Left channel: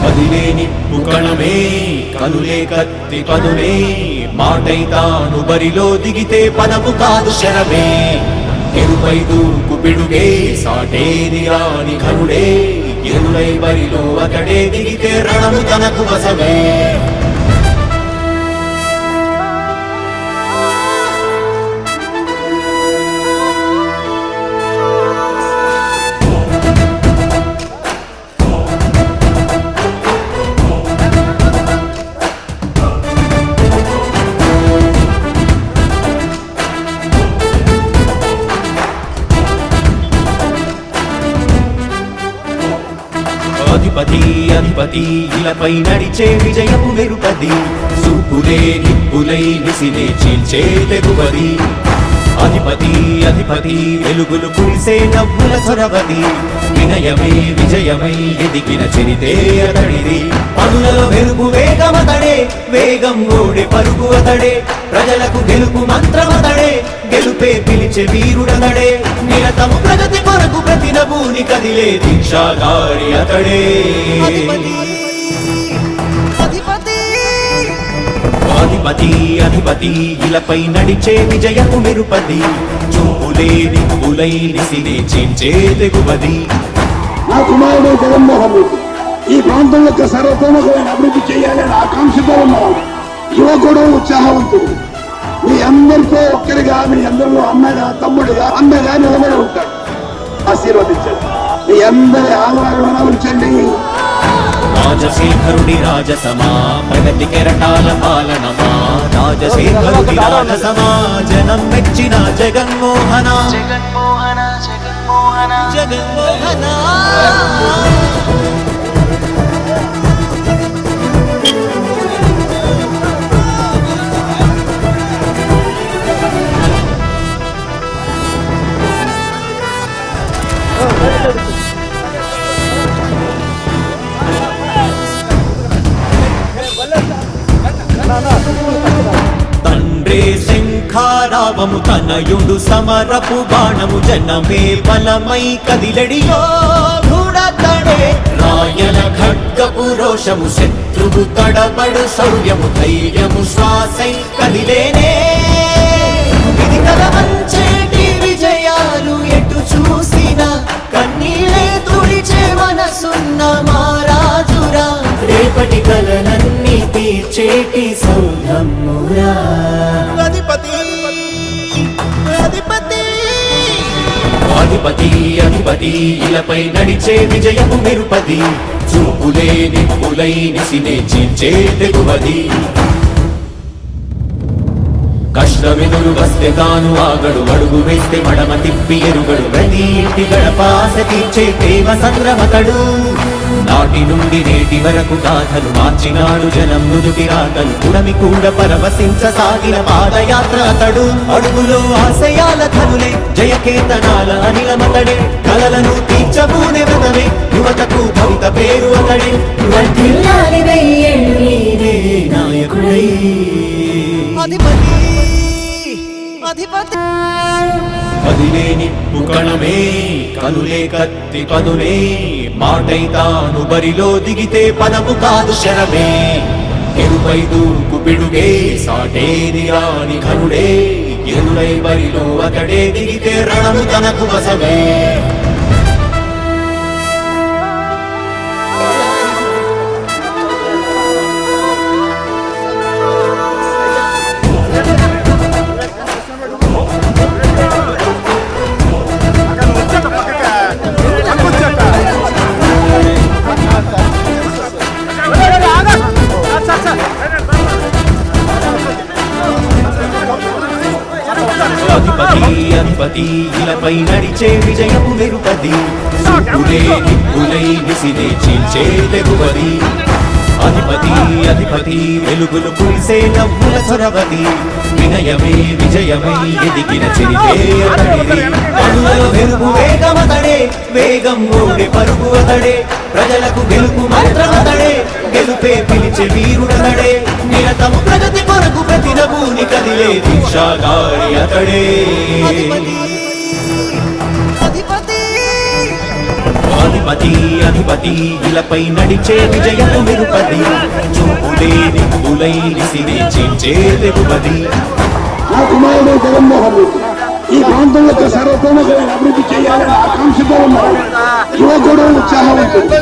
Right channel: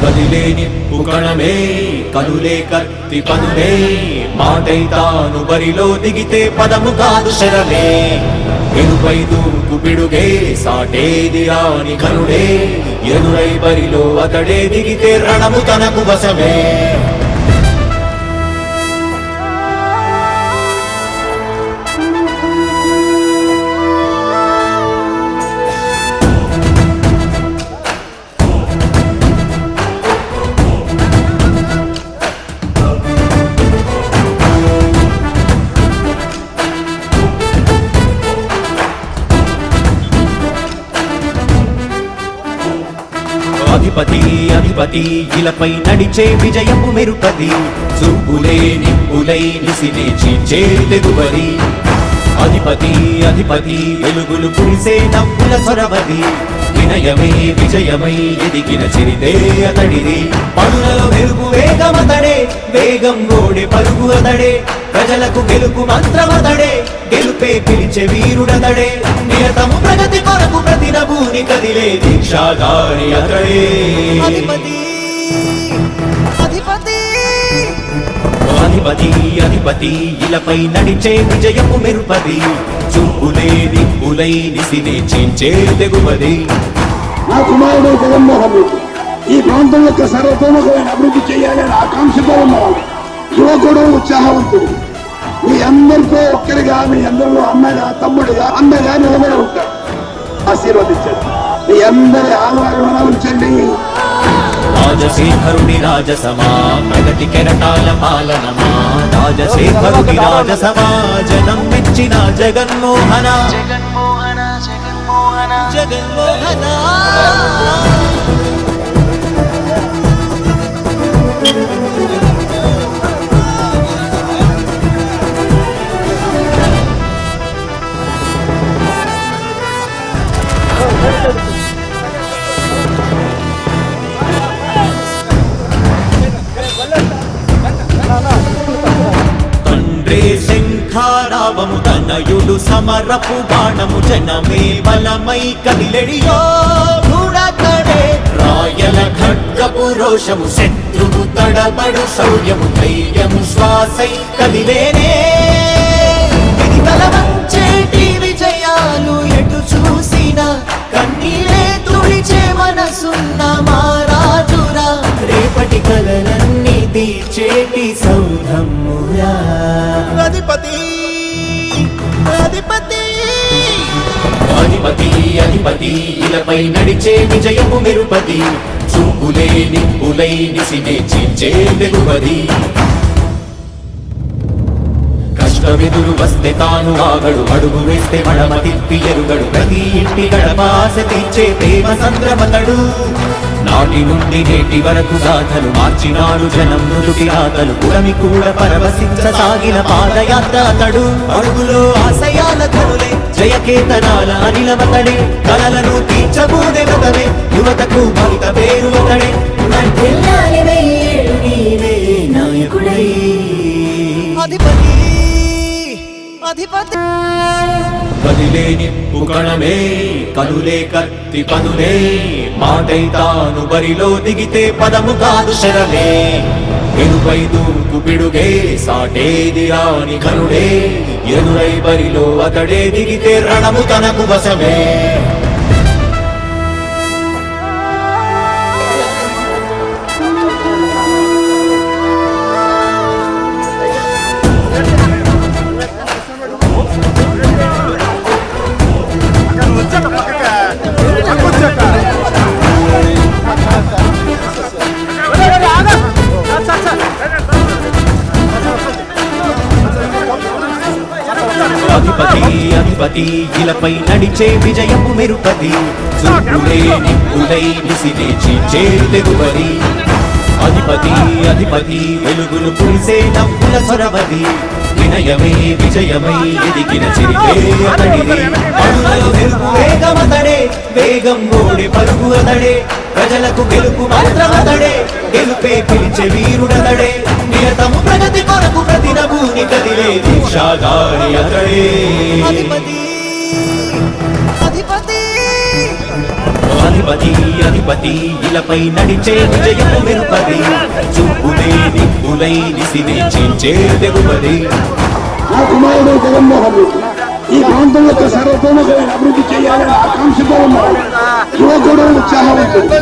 కదిలే నిప్పు కణమే కనులే కత్తి పనులే మాటై తాను బరిలో దిగితే పదము కాదు శరమే ఎరుపై దూకు పిడుగే సాటేది రాని కనుడే ఎదురై బరిలో అతడే దిగితే రణము తనకు వశమే అధిపతి అధిపతి ఇలపై నడిచే విజయము మెరుపది చూపులే నిప్పులై నిసినే చీల్చే తెగువది అధిపతి అధిపతి వెలుగులు పులిసే నవ్వుల చొరవది వినయమై విజయమై ఎదిగిన చిరితే అతడిది పనులలో వెలుగు వేగమతడే వేగం ఓడే పరుగు అతడే ప్రజలకు గెలుపు మంత్రమతడే గెలుపే పిలిచే వీరుడతడే నిరతము ప్రగతి కొరకు ప్రతినభూని కదిలే దీక్షాగారి అతడే అధిపతి అధిపతి అధిపతి అధిపతి ఇలపై నడిచే విజయము మెరుపది చూపులే నిప్పులై నిసినే చీల్చే తెగువది నా కుమారుడు జగన్మోహన్ రెడ్డి ఈ ప్రాంతం యొక్క సర్వతోముఖమైన అభివృద్ధి చేయాలని ఆకాంక్షతో ఉన్నవాడు యువకుడు ఉత్సాహవంతుడు మీ అందరితో ఒక్కరిగా మీ అందరిలో అన్నగా తమ్ముడిగా అన్నగా నిలబడి ఉంటాడు ఆశీర్వదించండి మీ అందరి ఆదరణ ఉంచండి రాజశేఖరుని రాజసమా ప్రగతి కెరటాల పాలనమా రాజశేఖరుని రాజసమా జనం మెచ్చిన జగన్మోహన జగన్మోహన జగన్మోహన జగన్మోహన తండ్రే శంఖారావము తనయుడు సమరపు బాణము జనమే బలమై కదిలెడియో గూఢతడే రాయల ఖడ్గపు రోషము శత్రువు తడబడు శౌర్యము ధైర్యము శ్వాసై కదిలేనే ఇది కలవంచేటి విజయాలు ఎటు చూసిన కన్నీలే తుడిచే మనసున్న మారాజురా రేపటి కలలన్నీ తీర్చేటి సౌధమురా అధిపతి అధిపతి అధిపతి అధిపతి ఇలపై నడిచే విజయము మెరుపది చూపులే నిప్పులై నిసినే చీల్చే తెగువది కష్టమెదురు వస్తే తాను ఆగడు అడుగు వేస్తే మడమ తిప్పి ఎరుగడు ప్రతి ఇంటి గడపాస తీర్చే ప్రేమ సంద్రపతడు నాటి నుండి నేటి వరకు గాథలు మార్చినాడు జనం ముందుకి రాగలు పురమి కూడా పరవశించసాగిన పాదయాత్ర అతడు అడుగులో ఆశయాల కనులే జయకేతనాల అనిలమతడే కలలను తీర్చబూనే వ్రతమే యువతకు భవిత పేరు అతడే నాయకుడై అధిపతి అధిపతి కదిలే నిప్పు కణమే కనులే కత్తి పనులే మాటై తాను బరిలో దిగితే పదము కాదు శరమే ఎరుపై దూకు పిడుగే సాటేది రాని కనుడే ఎదురై బరిలో అతడే దిగితే రణము తనకు వశమే అధిపతి అధిపతి ఇలపై నడిచే విజయము మెరుపది చూపులే నిప్పులై నిసినే చీల్చే తెగువది అధిపతి అధిపతి వెలుగులు పులిసే నవ్వుల చొరవది వినయమై విజయమై ఎదిగిన చిరితే అతడిది పనులలో వెలుగు వేగమతడే వేగం ఓడే పరుగు అతడే ప్రజలకు గెలుపు మంత్రమతడే గెలుపే పిలిచే వీరుడతడే నిరతము ప్రగతి కొరకు ప్రతినభూని కదిలే దీక్షాగారి అతడే అధిపతి అధిపతి దళపతి అధిపతి ఇలపై నడిచే విజయము వెలుపది చూపులే నిప్పులై నిసినే చేంచే తెలుపది నా కుమారుడు జగన్మోహన్ రెడ్డి ఈ ప్రాంతం యొక్క సర్వతోముఖమైన అభివృద్ధి చేయాలని ఆకాంక్షతో ఉన్నాడు. యువకుడు ఉత్సాహవంతుడు.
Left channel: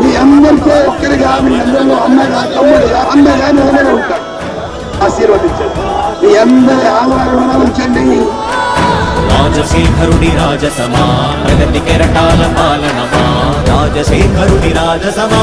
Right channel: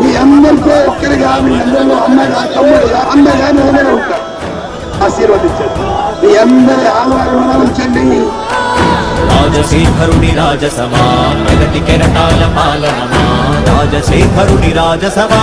మీ అందరితో ఒక్కరిగా మీ అందరిలో అన్నగా తమ్ముడుగా అన్నగా నిలబడి ఉంటాడు. ఆశీర్వదించండి. మీ అందరి ఆదరణ ఉంచండి. రాజశేఖరుని రాజసమా ప్రగతి కెరటాల పాలనమా రాజశేఖరుని రాజసమా